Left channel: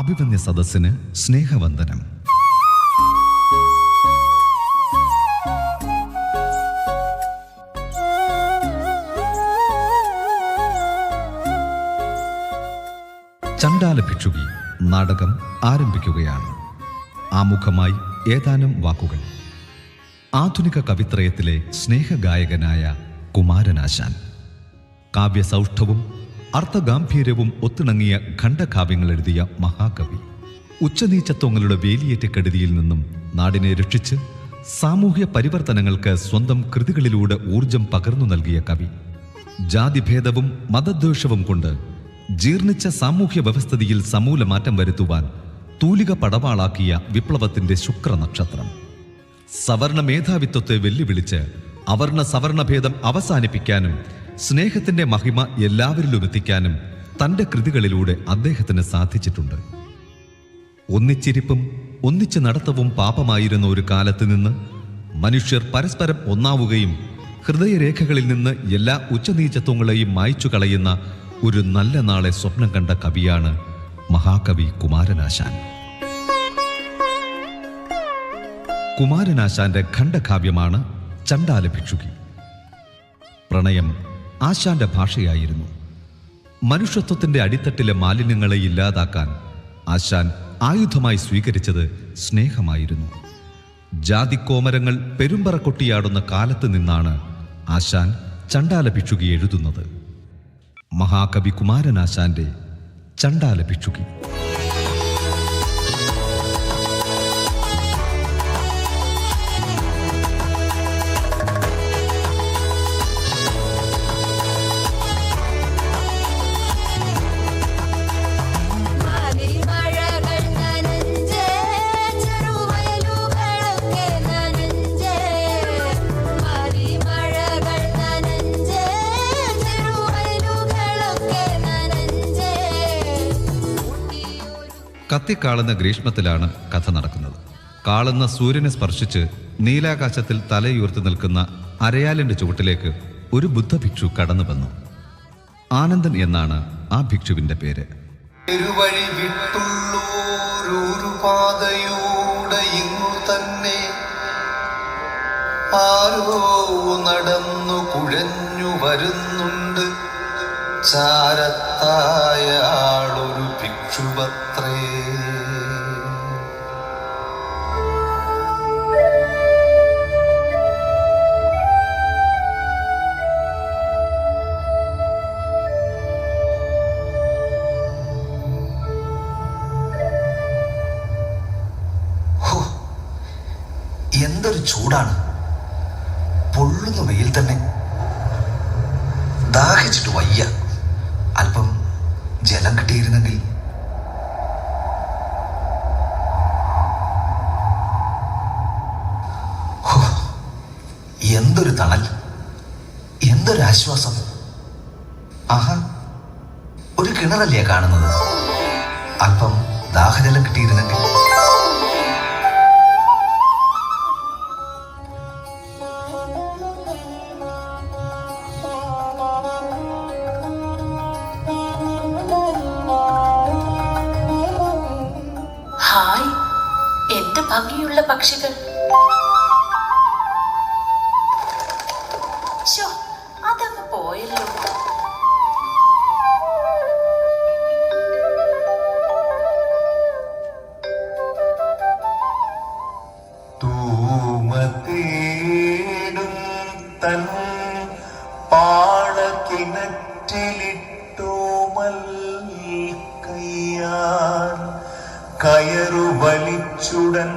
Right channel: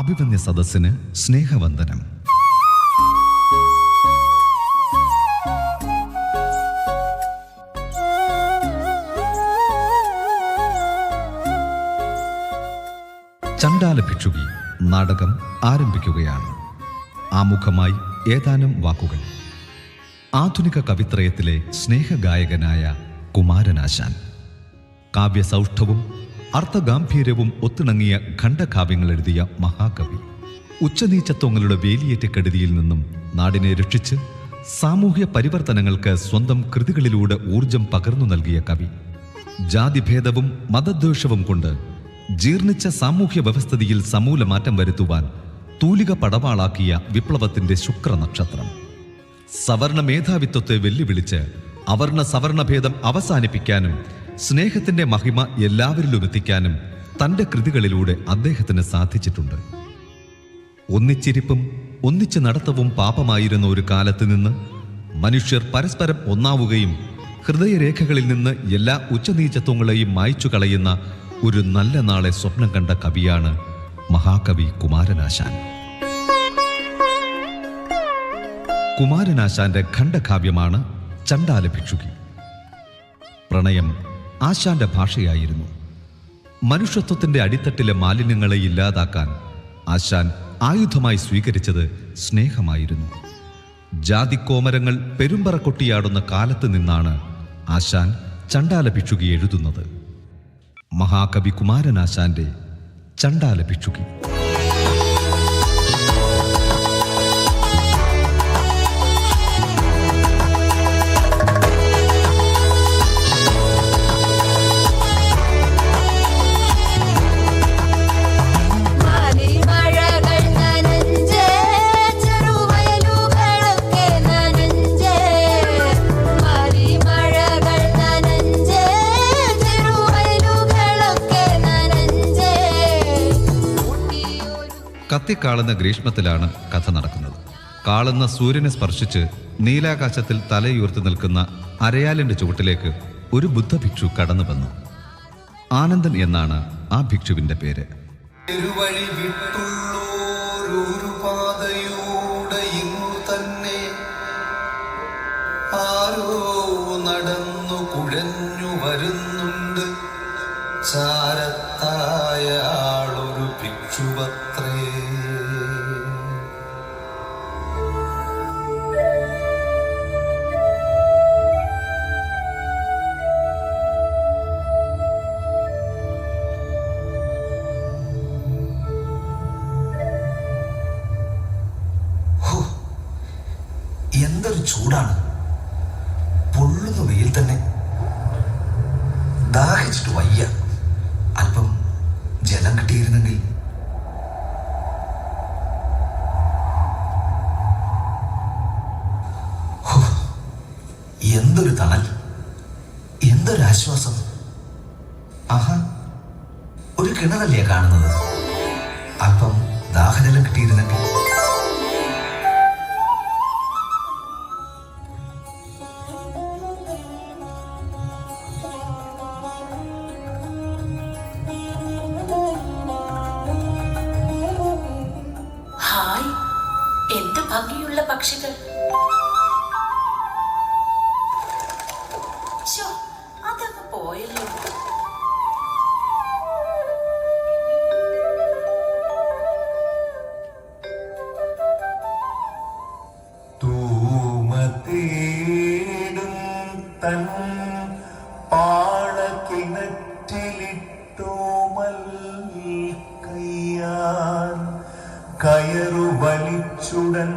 അഭിമന്യ സദസ്സിന് സ്നേഹവന്ദനം. ചണ്ഡാല ഭിക്ഷുകി നാടകം ആരംഭിക്കുകയാണ്. ആമുഖമായി ഏതാനും വാക്കുകൾ. ആധുനിക കവിത്രയത്തിലെ സ്നേഹഗായകനായ കുമാരനാശാൻ. കാവ്യസൗഷ്ഠവും അർത്ഥഗാംഭീര്യവും ഒത്തിണങ്ങിയ ഖണ്ഡകാവ്യങ്ങൾ എഴുതിയ മഹാകവി. ഉച്ചനീചത്വങ്ങളുടെ വേലിയേറ്റക്കെടുതിയിൽ നിന്നും നാടിനെ രക്ഷിച്ച് സാമൂഹ്യ പരിവർത്തനങ്ങൾക്ക് സ്വന്തം കൃതികളിലൂടെ ഊർജം പകർന്നു നൽകിയ കവി. ജാതിഭേദവും മതദ്വേഷവും കൊണ്ട് ജീർണിച്ച സാമൂഹ്യ വ്യവസ്ഥിതിയിൽ സമൂല മാറ്റം വരുത്തുവാൻ തൂലിക പടവാളാക്കിയ വിപ്ലവത്തിന്റെ ശുക്രനക്ഷത്രം. സവർണ മേധാവിത്വത്തെ വെല്ലുവിളിച്ച് അവർണ സവർണഭേദം അവസാനിപ്പിക്കാനും സ്നേഹത്തിന്റെ മഹിമ എല്ലാവരിലും എത്തിക്കാനും തൻ്റെ കൃതികളിലൂടെ അദ്ദേഹത്തിന് സാധിച്ചിട്ടുണ്ട്. ഒന്നിച്ചിരിപ്പും ഒന്നിച്ച് നടത്തവും പാപമായിരുന്ന ഒരു കാലത്ത് നിന്ന് മനുഷ്യർ പരസ്പരം ഒന്നാവുകയും ഹൃദയരേഖകളിൽ നിന്ന് എല്ലാ ഉച്ചനീചത്വങ്ങളെയും മായ്ച്ചു കളയുന്ന ഒരു നല്ല നാളെ സ്വപ്നം കണ്ട കവിയാണ് മഹാകവി കുമാരനാശാൻ. കുമാരനാശാന്റെ ഖണ്ഡകാവ്യമാണ് ചണ്ഡാല ഭിക്ഷുകി. പ്രണയം ആശാന്റെ ഭാഷയായിരുന്നു. മനുഷ്യത്വത്തിന്റെ അടിത്തട്ടിലെ മാലിന്യങ്ങളെ ഇല്ലാതാക്കാൻ ആശാൻ ആയുധമായി സ്വീകരിച്ചത് സ്നേഹമായിരുന്നു. ജാതിക്കോമരങ്ങൾ പെരുമ്പറ കൊട്ടിയാടുന്ന കാലത്ത് നിന്നാണ് ആശാൻ ചണ്ഡാല ഭിക്ഷുകി എഴുതുന്നത്. മഹാകവി കുമാരനാശാന്റെ ചണ്ഡാല ഭിക്ഷുകി. കത്തിക്കാളുന്ന ഗ്രീഷ്മത്തിലാണ് കഥ നടക്കുന്നത്. കാളുന്ന സൂര്യനെ സ്പർശിച്ച് നീലാകാശത്തിൽ തലയുയർത്തി നിൽക്കുന്ന അരയാലിന്റെ ചുവട്ടിലേക്ക് ഒരു ബുദ്ധഭിക്ഷു കടന്നു വന്നു. ആനന്ദൻ എന്നാണ് ആ ഭിക്ഷുവിന്റെ പേര്. നടന്നു കുഴഞ്ഞു വരുന്നുണ്ട് ചാരത്തായ ആളൊരു ഭിക്ഷുവത്രേ. എന്തൊരു ചൂടാണ്! പൊള്ളുന്ന വെയിൽ തന്നെ. ദാഹിച്ചിട്ട് വയ്യ. അല്പം ജലം കിട്ടിയിരുന്നെങ്കിൽ. എന്തൊരു തണൽ, എന്തൊരു ആശ്വാസം! ആഹാ, ഒരു കിണറല്ലേ കാണുന്നത്. അല്പം ദാഹജലം കിട്ടിയിരുന്നെങ്കിൽ. എന്ത് ഭംഗിയുള്ള പക്ഷികൾ! അതങ്ങ് പോയല്ലോ. തൂമത്തേടും തൻ പാടക്കിണറ്റിലിട്ടു മൽക്കയ്യാൻ കയറു വലിച്ചുടൻ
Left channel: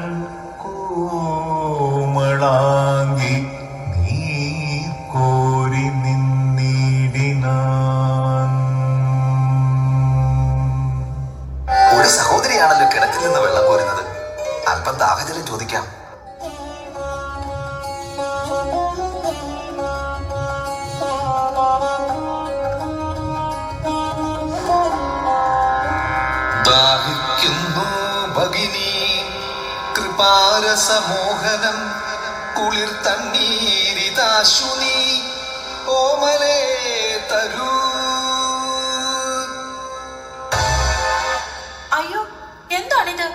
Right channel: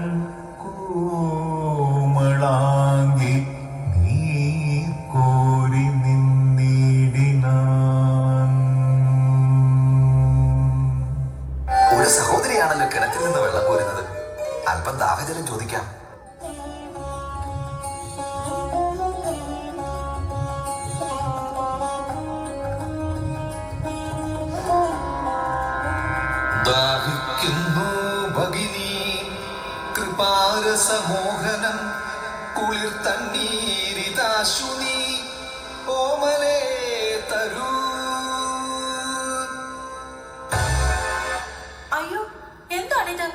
കോമളാങ്കി നീ കോരി നിന്നിടിനാൻ. ഒരു സഹോദരിയാണല്ലോ കിണറ്റിൽ നിന്ന് വെള്ളം കോരുന്നത്. അല്പം ദാഹജലം ചോദിക്കാം. ദാഹിക്കുന്നു ഭഗിനി കൃപാരസമോഹനം കുളിർ തണ്ണീരിതാശുനി ഓമലേ തരൂ. അയ്യോ, ഇത്?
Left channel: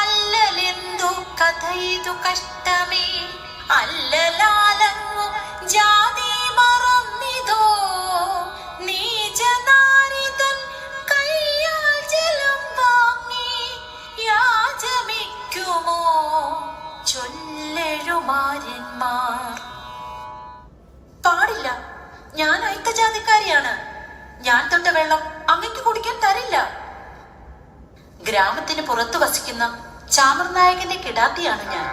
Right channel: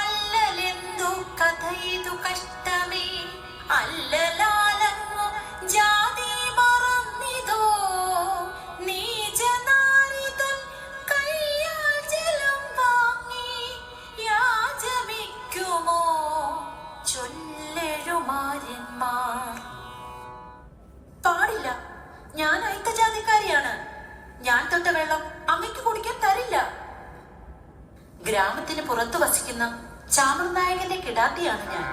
അല്ലലെന്തു കഥ ഇതു കഷ്ടമേ, അല്ലലാലങ്ങു ജാതി മറന്നിതോ, നീചനാരിതൻ കയ്യാൽ ജലം വാങ്ങി യാചമിക്കുമോ ചൊല്ലെഴുമാരന്മാർ. പാടില്ല, ഞാൻ അയിത്തജാതിക്കാരിയാണ്. ഞാൻ തൊട്ട വെള്ളം അങ്ങയ്ക്ക് കുടിക്കാൻ തരില്ല. ഗ്രാമത്തിന് പുറത്തു വസിക്കുന്ന ചാമർനായകന്റെ കിടാത്തിയാണ് ഞാൻ.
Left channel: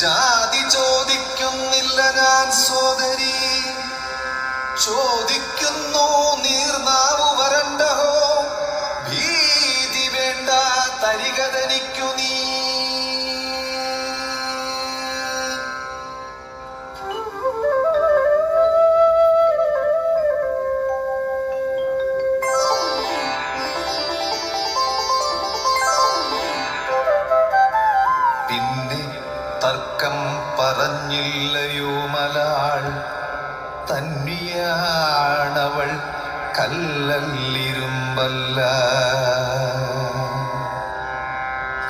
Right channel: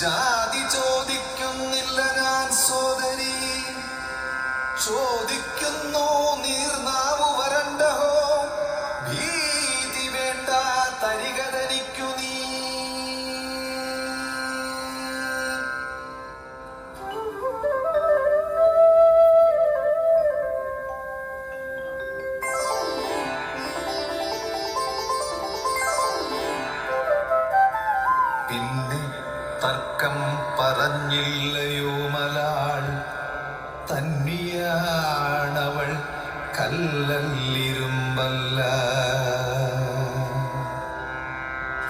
ജാതി ചോദിക്കുന്നില്ല ഞാൻ സോദരി, ചോദിക്കുന്നു നീർനാവു വരണ്ടഹോ. ഭീതി വേണ്ട തരികതനിക്കു നീ. പിന്നെ തർക്കം പറഞ്ഞില്ലയോ മലാൾ, തന്നിയാണവൾ കല്ലല്ലിരുമ്പല്ല.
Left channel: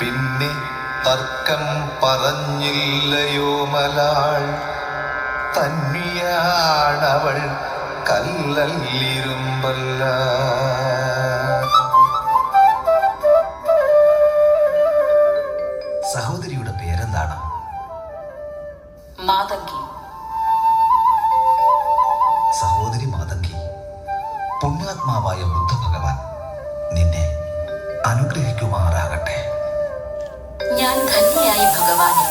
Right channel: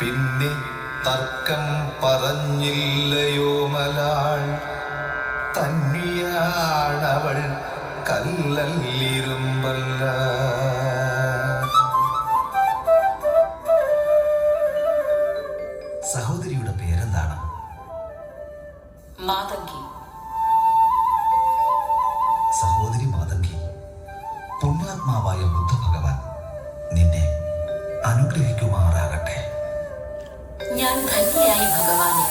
പിന്നെ തർക്കം പറഞ്ഞില്ലയോ മലാൾ, തന്നിയാണവൾ കല്ലല്ലിരുമ്പല്ല. സഹോദരിയുടെ പേരെന്താണ്? മാതങ്കി. സഹോദരി മാതങ്കി, പുണ്യാത്മാവായ ബുദ്ധഭഗവാൻ നിന്നെ അനുഗ്രഹിക്കുമാറാകട്ടെ. ഞാൻ ധന്യയായി ഭഗവാനെ.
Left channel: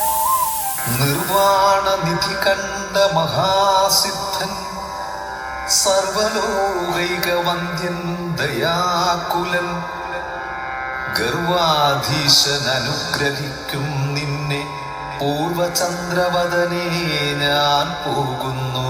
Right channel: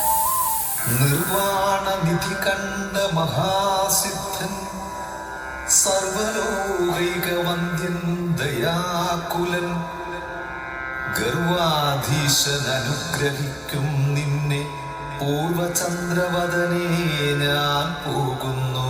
നിർവാണ നിധി കണ്ട മഹാസിദ്ധൻ, സർവലോകൈകവന്ദ്യൻ ദയാകുലൻ, ഗർവാധീശൻ അനുഗ്രഹിക്കും നിന്നെ. പൂർവചന്ദ്രവദനേ ഞാൻ പോകുന്നു.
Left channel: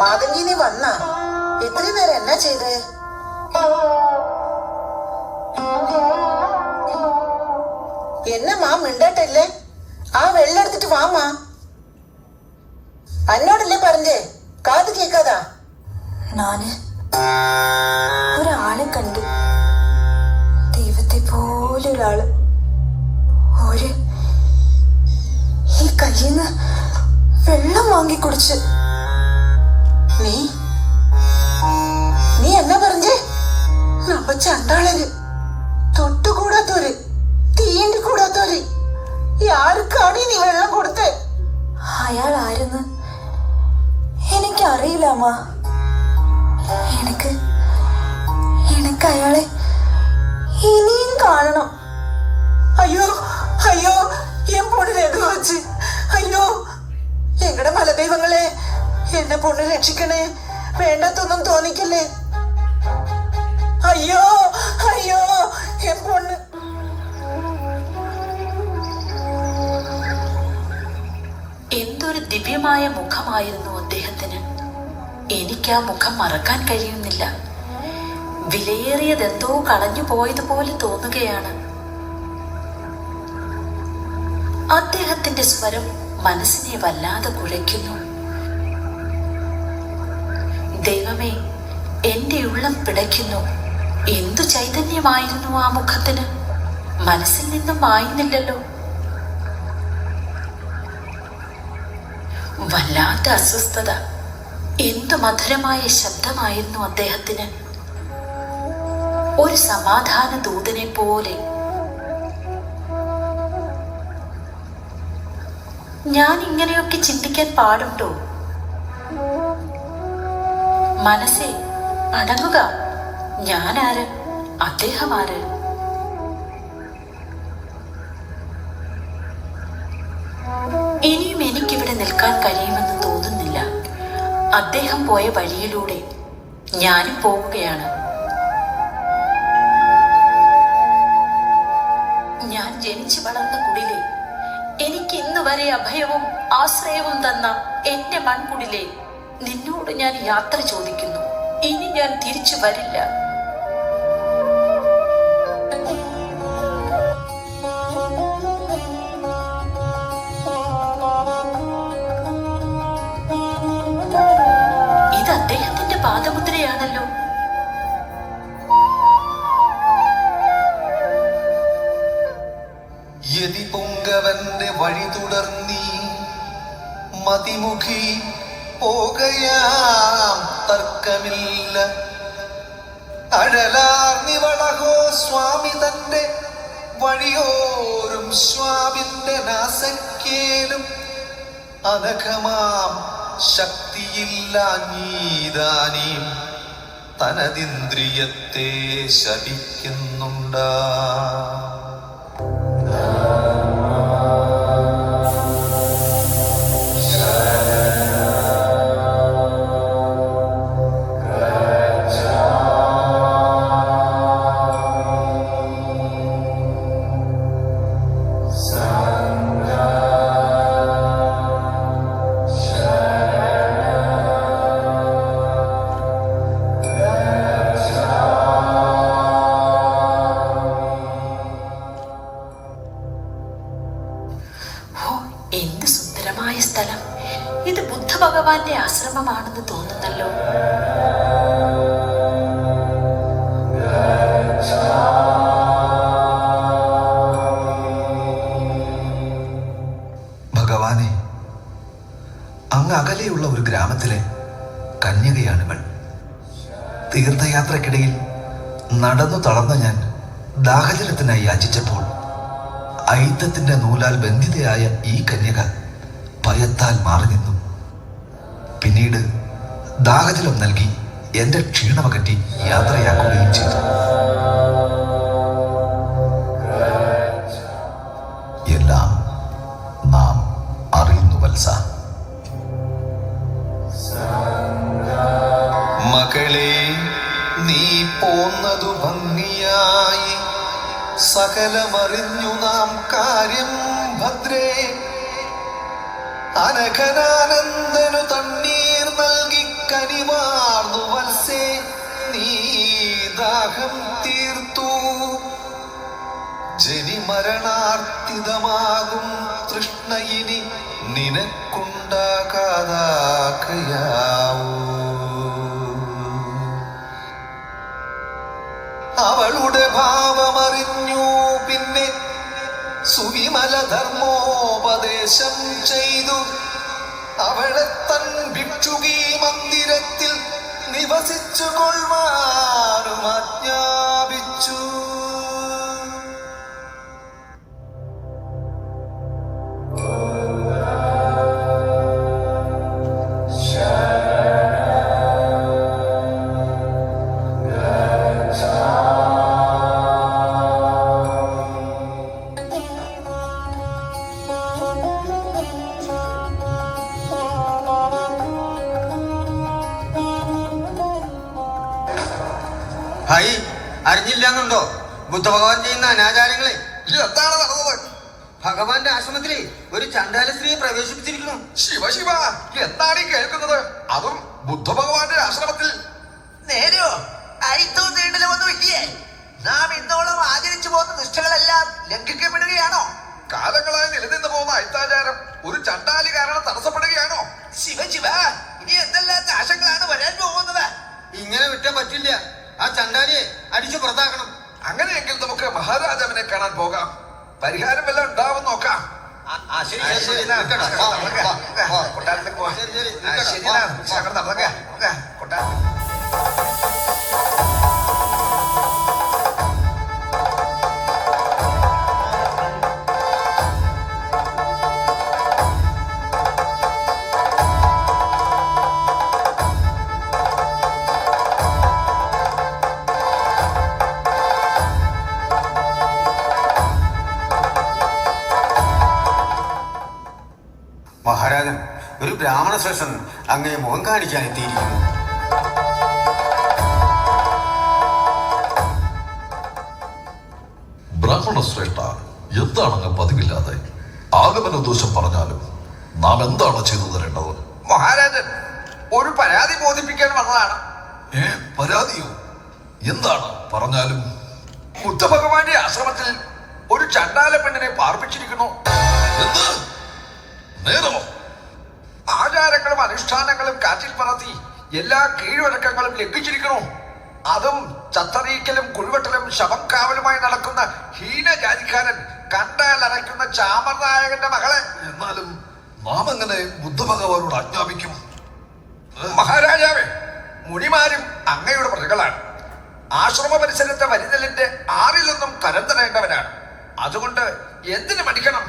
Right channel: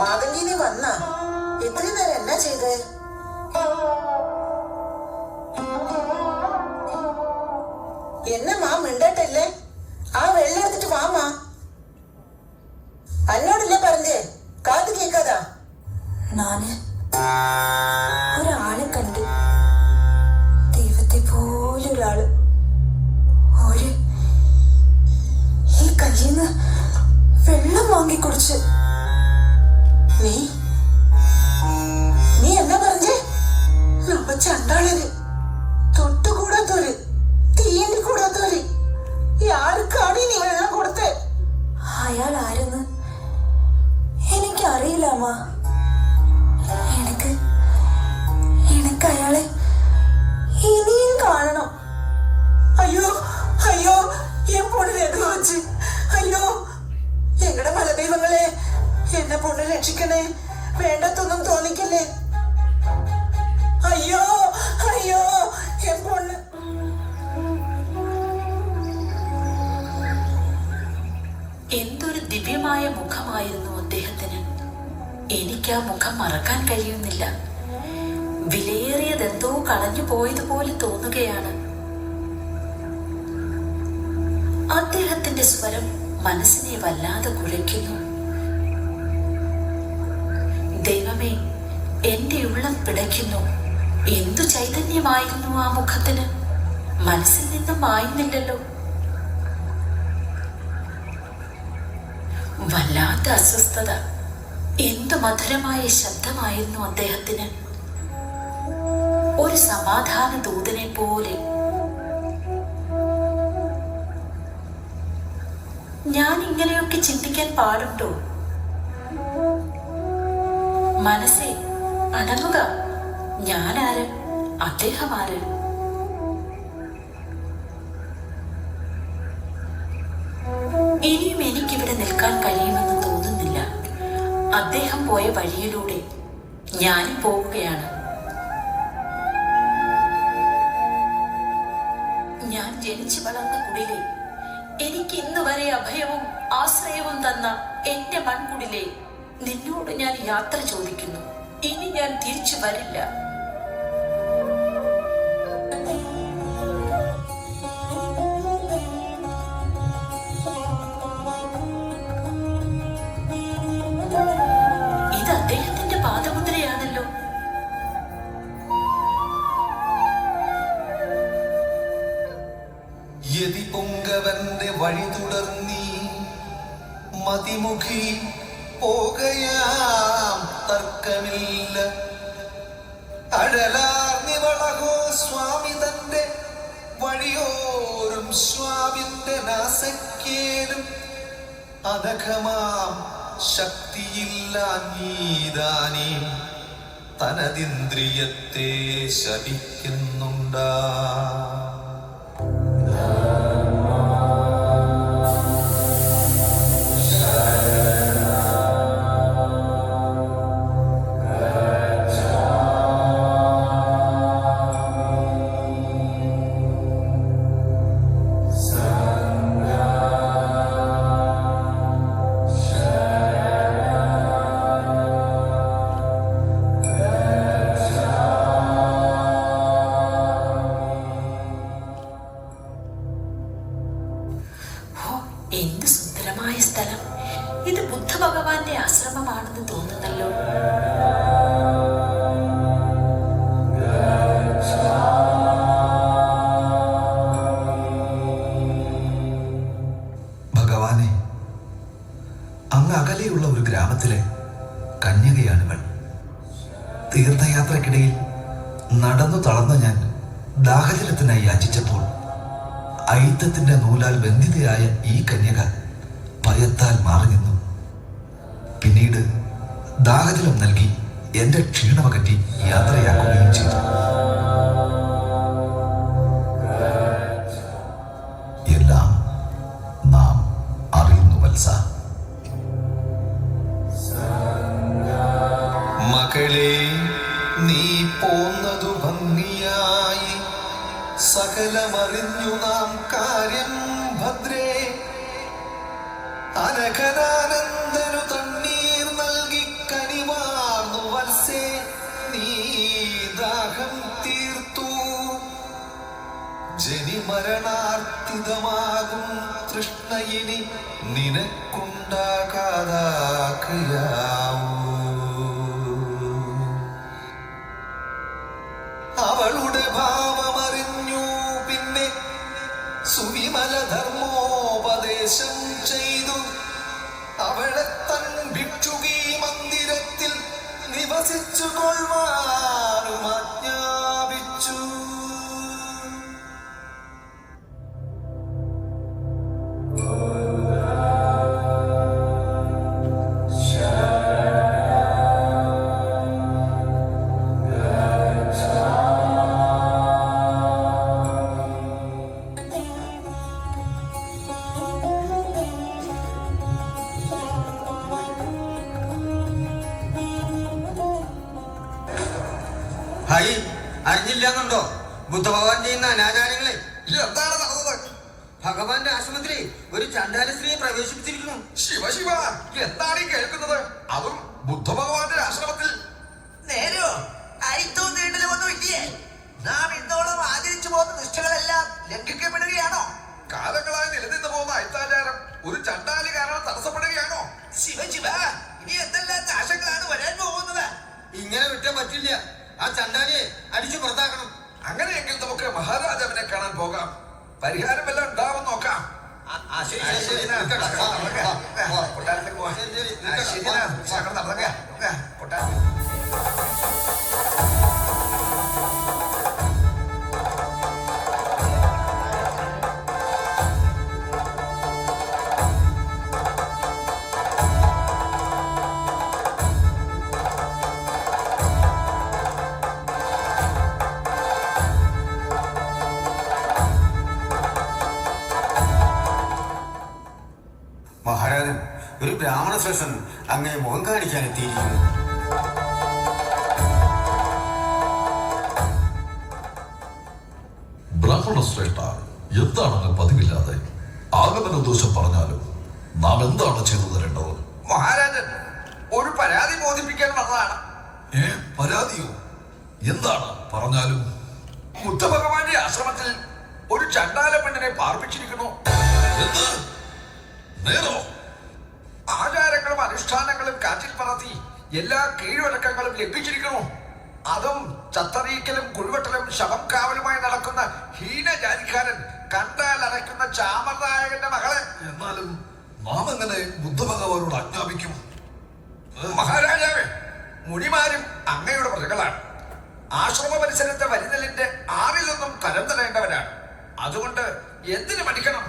മാതങ്കിനി വന്ന ഇത്രയും നേരം എന്നാ ചെയ്തേ? എന്നെ മാ മിണ്ടട്ടല്ലേ? ആ വെള്ളം എടുത്തിട്ട് വാമാ. അന്നോടല്ലേ പറഞ്ഞേ, കാത് കേക്കാതാ? നാന് ഒരാളെ കണ്ടു, ദൈവത്തെ പോലൊരാള്. ഒരു ഈ കയ്യിന്ന് വെള്ളം വാങ്ങി കുടിച്ച്. നീ നീ എന്നാ പറഞ്ഞേ? നമ്മ ചണ്ടാളര്, തൊട്ടുകൂടാത്തോര്, തീണ്ടി കൂടാത്തോര്. ആർക്കാണ് നീ വെള്ളം കൊടുത്തേ? അയാൾ ആരെന്ന് എനിക്കറിയില്ല അമ്മ. എനിക്ക് അയാളെ ഇനിയും കാണണം. അയ്യോ അയ്യോ, എൻ പൊണ്ണിനെ എന്ത് വച്ച്? അയ്യോ എങ്ങടെ മലദൈവങ്ങളെ, എന്നെ പൊണ്ണ് രക്ഷിക്കണേ. വേണ്ടാത്തൊന്നും തോന്നിക്കില്ലേ? അയ്യോ അയ്യോ, എൻ പൊണ്ണ്. എന്തൊരു ദിവ്യമായ മുഖമായിരുന്നു അദ്ദേഹത്തിന്. എനിക്ക് ആ മുഖം മറക്കാൻ കഴിയുന്നില്ല. വിലയേറിയതെന്തോ കളഞ്ഞു പോയതുപോലെ തോന്നുകയാണ്. അദ്ദേഹത്തിന്റെ സ്വരം മനസ്സിനെ വല്ലാതെ കുഴയ്ക്കുന്നു. ദൈവമേ, എന്റെ ഉള്ളം പിടയ്ക്കുന്നു. എന്തു ചൈതന്യമായിരുന്നു ആ മുഖത്തിന്! മനസ്സിൽ നിന്നും മായുന്നില്ലല്ലോ. വല്ലാത്ത അസ്വസ്ഥത. എന്തു മധുരമായ ശബ്ദമായിരുന്നു അദ്ദേഹത്തിന്. ഒരു സമാധാന ദൂതനെ പോലെ. ഞാൻ ഇങ്ങനെയൊക്കെ ചിന്തിക്കാൻ പാടുണ്ടോ? മനസ്സേ, അടങ്ങുക. ഞാനാര്, അദ്ദേഹം ആര്? ഇനിയും എനിക്കിവിടെ നിൽക്കാൻ കഴിയുമെന്ന് തോന്നുന്നില്ല. അദ്ദേഹം പോയ വഴിയിലൂടെ ഞാനും പോവുകയാണ്. ഞാൻ ജനിച്ചു വളർന്ന കുടിലെ, എനിക്ക് ഇന്നുവരെ അഭയവും ആശ്രയവും തന്ന എന്റെ മൺകുടിലെ നിന്നോട് ഞാൻ യാത്ര ചോദിക്കുന്നു. ഇനി ഞാൻ തിരിച്ചു വരില്ല. ഇത് അദ്ദേഹത്തിന്റെ പാദമുദ്രയാണല്ലോ. യതി പൊങ്കവന്റെ വഴി തുടർന്നീ മതിമുഖി പോകയാം തർക്കമില്ല. അഴലാർന്നിവളഹോ സ്വാമി തന്റെ വഴിയോരും സ്വാമിന്റെ നാസക്കേലും അനഘമാം ശക്തിയില്ലാഞ്ഞീതാനീം തനതിന്ദ്രിയത്തെ ശപിക്കുന്നുണ്ടാ. എന്ത് സുന്ദരമായ സ്ഥലം! ഇത് ബുദ്ധ ഭഗവാന്റെ ആശ്രമമാണെന്ന് തോന്നുന്നല്ലോ. ഭഗവാനെ, അങ്ങ് അകലെയുള്ള ഒരു ഗ്രാമത്തിലെ കന്യകയാണിവൾ. തീർത്ഥയാത്രക്കിടയിൽ നടന്നു തളർന്ന ഞാൻ ദാഹജലത്തിനായി യാചിച്ചപ്പോൾ ഐത്തത്തിന്റെ നൂലാൽ ബന്ധിതയായ ഈ കന്യക ഭയത്താൽ മാറി നിന്നു. പിന്നീട് ദാഹജലം നൽകി എന്റെ ക്ഷീണമകറ്റി യാത്രയാക്കുകയും ചെയ്തു. എല്ലാം നാം അറിയുന്നു വത്സ. മകളെ, നീ പോന്നതു ഭംഗിയായി, സകലമറിഞ്ഞു നാം കാര്യം ഭദ്രേ. അനഘനാനന്ദനു തണ്ണീർ നൽകി കനിവാർന്നു വത്സേ, നീ ദാഹം തീർത്തു. ജനിമരണാർത്തിതമാകും തൃഷ്ണയിനി നിനക്കുണ്ടാകാതാകയാവൂ. അവളുടെ ഭാവമറിഞ്ഞു പിന്നെ സുവിമല ധർമ്മോപദേശം ചെയ്തു. അവളെ തൻ ഭിക്ഷുകീ മന്ദിരത്തിൽ നിവസിച്ചു കൊള്ളുവാനും ആജ്ഞാപിച്ചു. ഭായി, അറിഞ്ഞില്ലാന്നുണ്ടോ ബുദ്ധഭഗവാൻ ചെയ്യുന്ന അനാചാരങ്ങളെ? എന്താണ് നടന്നത്? ഭഗവാന്റെ ആശ്രമത്തിലെ ഒരു ചണ്ടാല സ്ത്രീയെ പ്രവേശിപ്പിച്ചിരിക്കുന്നു. ശിവ ശിവ, എന്താണ് ഈ കേൾക്കുന്നത്? അതും ബുദ്ധഭഗവാന്റെ ആശ്രമത്തിൽ? നേരോ അയിത്തവും നീണ്ടലുമൊന്നും ഇല്ലേ? നാം ഇന്നോളം ആചരിച്ചു പോകുന്ന നിഷ്ഠകളെല്ലാം ലംഘിക്കപ്പെടുകയാണോ? കാലങ്ങളായി നിലനിന്ന് പോകുന്ന അയിത്താചാരം ഒരു ചണ്ടാലി കാരണം തടസ്സപ്പെടുകയാണോ? ശിവ ശിവ, ഇനി എന്തെല്ലാം നാശങ്ങളാണ് വരാൻ പോകുന്നത്? ഇങ്ങനെ വിട്ടാൻ പറ്റില്ല. ആ ചണ്ടാലിയെ അടിച്ചു പുറത്താക്കണം. അങ്ങനെയെങ്കിൽ നമുക്ക് മഹാരാജാവിനെ കാണാൻ പോകാം. പരിഹാരം വല്ലതും ഉണ്ടാവും നോക്കാം. ശരി, ശരി, ശരി, നിൽക്കട്ടെ. കൊട്ടാരത്തിൽ പോവാം. ശരി, ശരി, ആ, നിൽക്കട്ടെ. ശരി, നടന്നൊക്കെ കൊട്ടാരത്തിൽ. മഹാരാജൻ, ഒരു ബ്രാഹ്മണ ശ്രേഷ്ഠൻ അങ്ങേ മുഖം കാണിക്കാൻ എത്തിയിരിക്കുന്നു. ബ്രാഹ്മണ ശ്രേഷ്ഠ, എന്താണെന്ന് പതിവില്ലാതെ ആഗമന ദോഷം പറഞ്ഞാലും നാം എന്താണ് ചെയ്തു തരേണ്ടത്? മഹാരാജൻ, ഒരു പരാതി ബോധിപ്പിക്കാൻ വന്നതാണ്. പരാതിയോ? എന്താണ് പറഞ്ഞാലും. ബുദ്ധഭഗവാന്റെ ആശ്രമത്തിൽ ഒരു ചണ്ടാല പെണ്ണിനെ പാർപ്പിച്ചിരിക്കുന്നു. എന്ത്? നേരോ? ആചാരങ്ങളും അനുഷ്ഠാനങ്ങളും കാറ്റിൽ പറത്തി എല്ലാ കീഴ്വഴക്കങ്ങളും ലംഘിച്ചിരിക്കുന്നു. അതും ചത്തറീക്കലും കുഴിവെട്ടലും ശവം കാവലുമായി നടക്കുന്ന ഹീനജാതിക്കാരൻ, കണ്ടാൽ അരയ്ക്കുന്ന ചാമർനായകന്റെ മകളെ. എന്നാലും നാം എങ്ങനെ ബുദ്ധഭഗവാനോട് ആജ്ഞാപിക്കും? മഹാരാജാവേ, മുനിമാരും അങ്ങയുടെ പ്രജകളാണ്. ആശ്രമ പരിസരത്തെ വരിനെല്ലിന്റെ ആറിൽ നിന്നും തരം തരേണ്ടവരാണ്. അതുകൊണ്ട് എന്തിനു മടിക്കണം?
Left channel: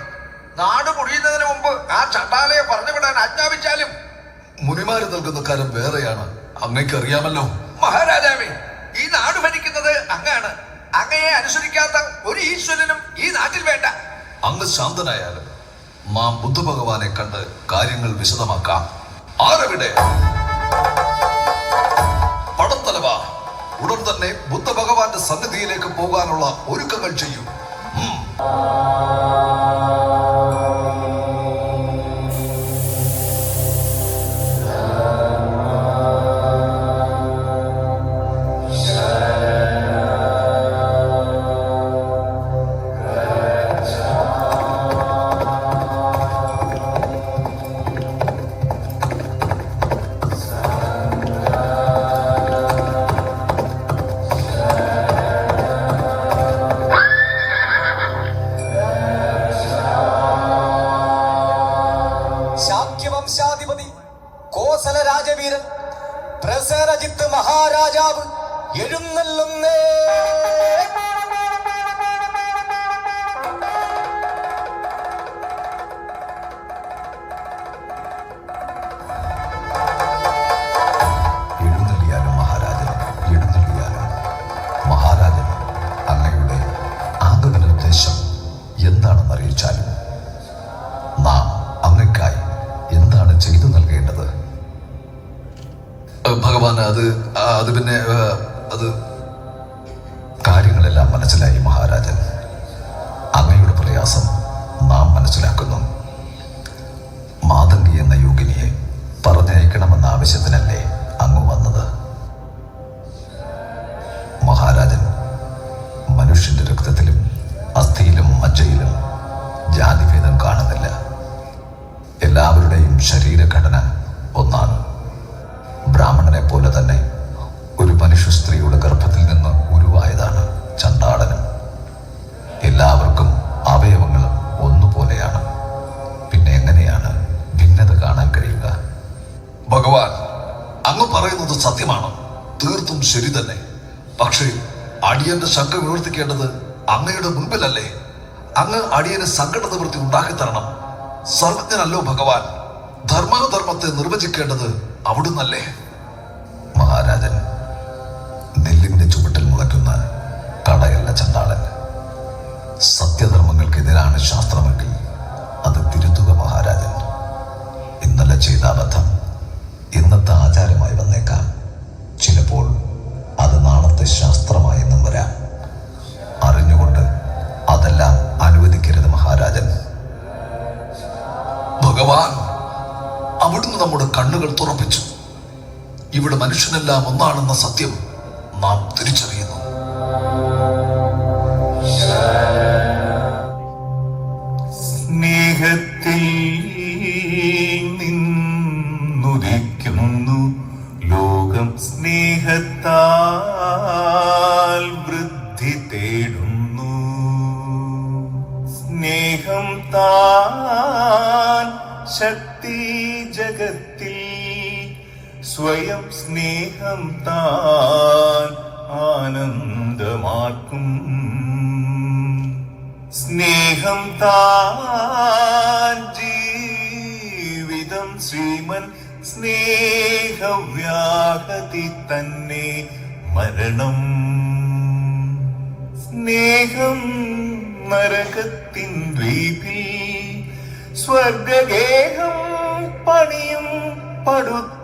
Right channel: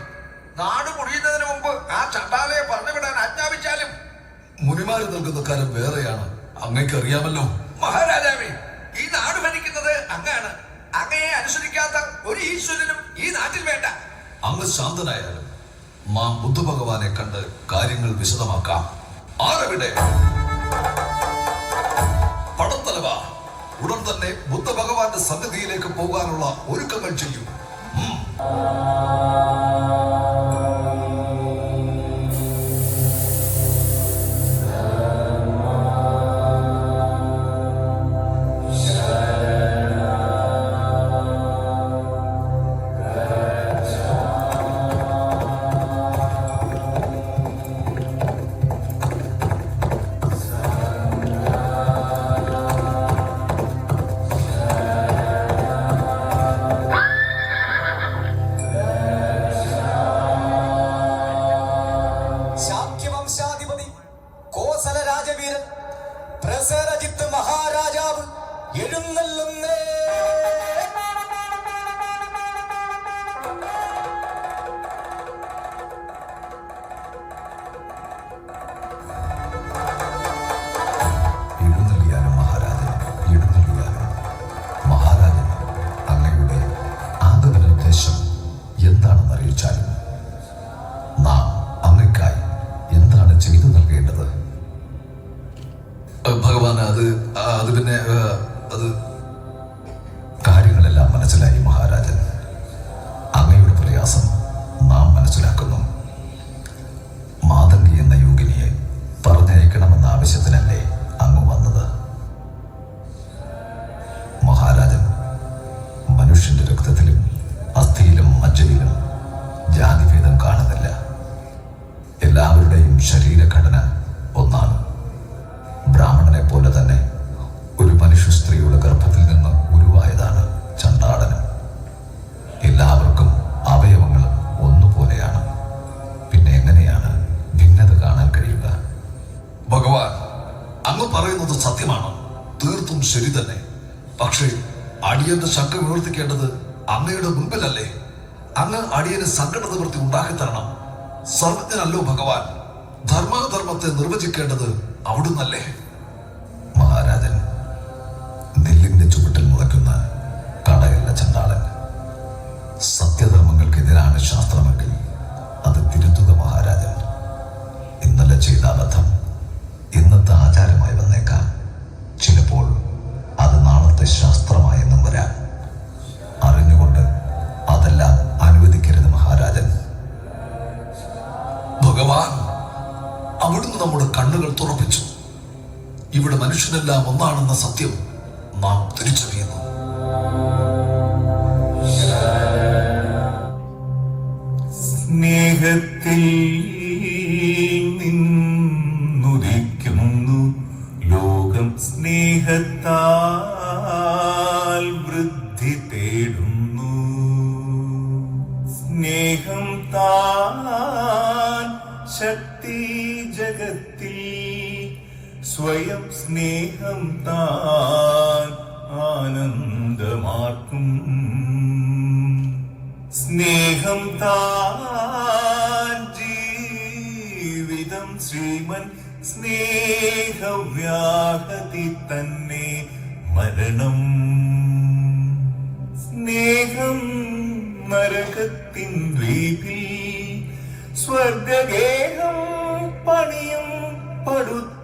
നാട് മുടിയുന്നതിന് മുമ്പ് ആ ചണ്ടാലയെ പറഞ്ഞുവിടാൻ ആജ്ഞാപിച്ചാലും. മുനിമാര് നൽകുന്ന കാര്യം വേറെയാണ്, അങ്ങയ്ക്ക് അറിയാമല്ലോ. മഹാരാജാവേ, ഈ നാട് ഭരിക്കുന്നത് അങ്ങാണ്. അങ്ങയെ അനുസരിക്കാത്ത ഒരു ഈശ്വരനും ഈ നാട്ടിൽ വേണ്ട. അങ്ങ് ശാന്തനായാലും നാം ബുദ്ധഭഗവാനെ കണ്ട് കാര്യങ്ങൾ വിശദമാക്കാം. ആരവിടെ? പടത്തലവ, ഉടൻ തന്നെ ബുദ്ധഭഗവാന്റെ സന്നിധിയിലേക്ക് പോകാനുള്ള ഒരുക്കങ്ങൾ ചെയ്യൂ. ശാക്യവംശാധിപതി കോസല രാജവീരൻ പ്രസേനജിത്ത് മഹാരാജാവ് എഴുന്നള്ളുന്നേ. എഴുന്നള്ളിയാലും മഹാരാജൻ, എഴുന്നള്ളിയാലും. മഹാരാജൻ, അങ്ങയുടെ ആഗമന ഉദ്ദേശം എന്താണെന്ന് അറിയിച്ചാലും നാം അങ്ങയ്ക്കായി എന്താണ് ചെയ്തു നൽകേണ്ടത്? ഭഗവാൻ, അത് പിന്നെ അത് കാര്യങ്ങളെല്ലാം മനസ്സിലായി മഹാരാജൻ. അങ്ങയുടെ പ്രയാസം നാം മനസ്സിലാക്കുന്നു. മാതംഗി എന്ന യോഗിനിയെ പറഞ്ഞയക്കണമെന്ന ആവശ്യത്തിനല്ലേ അങ്ങ് വന്നത്? മഹാരാജൻ, മനുഷ്യന്റെ രക്തത്തിലും അസ്ഥിയിലും മജ്ജയിലും ജാതിഭേദം കാണുന്നില്ല. എല്ലാവരുടെയും ശരീരഘടന ഒന്നാണ്. ബ്രാഹ്മണനെ പോലെ തന്നെ ഒരു മനുഷ്യ സ്ത്രീയുടെ ഗർഭത്തിൽ നിന്ന് ഉരുവായതാണ് ചണ്ടാളനും. എല്ലാവർക്കും അവയവങ്ങളും ഒന്നുപോലെയാണ്. പിന്നെ എങ്ങനെയാണ് ഭിന്നത കാണാൻ കഴിയുക? ഭഗവാൻ, അങ്ങ് പറയുന്നത് സത്യമാണ്, തീർത്തും ശരി തന്നെ. പക്ഷേ അടിയന്റെ ശങ്ക നിവർത്തിക്കേണ്ടത് അങ്ങയുടെ മുൻപിലല്ലേ? അങ്ങ് അടിയന് സങ്കട നിവൃത്തി ഉണ്ടാക്കി തരണം. സർവജ്ഞനല്ലോ ഭഗവാൻ. ധർമാധർമ്മത്തെ നിർവചിക്കേണ്ടത് അവിടുന്നല്ലേ? മഹാരാജൻ, നെല്ലിന്റെ ചുവട്ടിൽ മുളയ്ക്കുന്ന കടയല്ല ചണ്ടാളൻ. സത്യധർമ്മങ്ങൾക്കെതിരാണ് ശാസ്ത്രമെങ്കിൽ അത് തിരുത്തുക മഹാരാജൻ. ഇന്നലെ ചെയ്ത അബദ്ധം ഇന്നത്തെ ആചാരമായി വന്നേക്കാം. ചിലപ്പോൾ അത് നാളത്തെ ശാസ്ത്രമായെന്നും വരാം. അറിഞ്ഞുകൊണ്ട് അതെല്ലാം അനുവദിക്കരുത് മഹാരാജൻ. ഭഗവാൻ, അവിടുന്ന് നമ്മുടെ കണ്ണുകൾ തുറപ്പിച്ചു. ഇവിടെ മനുഷ്യനെല്ലാം ഒന്നാണെന്ന സത്യം നാം തിരിച്ചറിയുന്നു. സ്നേഹത്തിൽ നിന്നുദിക്കുന്നു ലോകം, സ്നേഹത്താൽ വൃദ്ധി തേടുന്നു. സ്നേഹം താൻ ശക്തി ജഗത്തിൽ, സ്വയം സ്നേഹം താൻ ആനന്ദമാക്കും. സ്നേഹം താൻ ജീവിതം ശ്രീമൻ, സ്നേഹവ്യാഹതി തന്നെ മരണം. സ്നേഹം നരകത്തിൻ ദ്വീപിൽ സ്വർഗഗേഹം പണിയും പടുത്തു.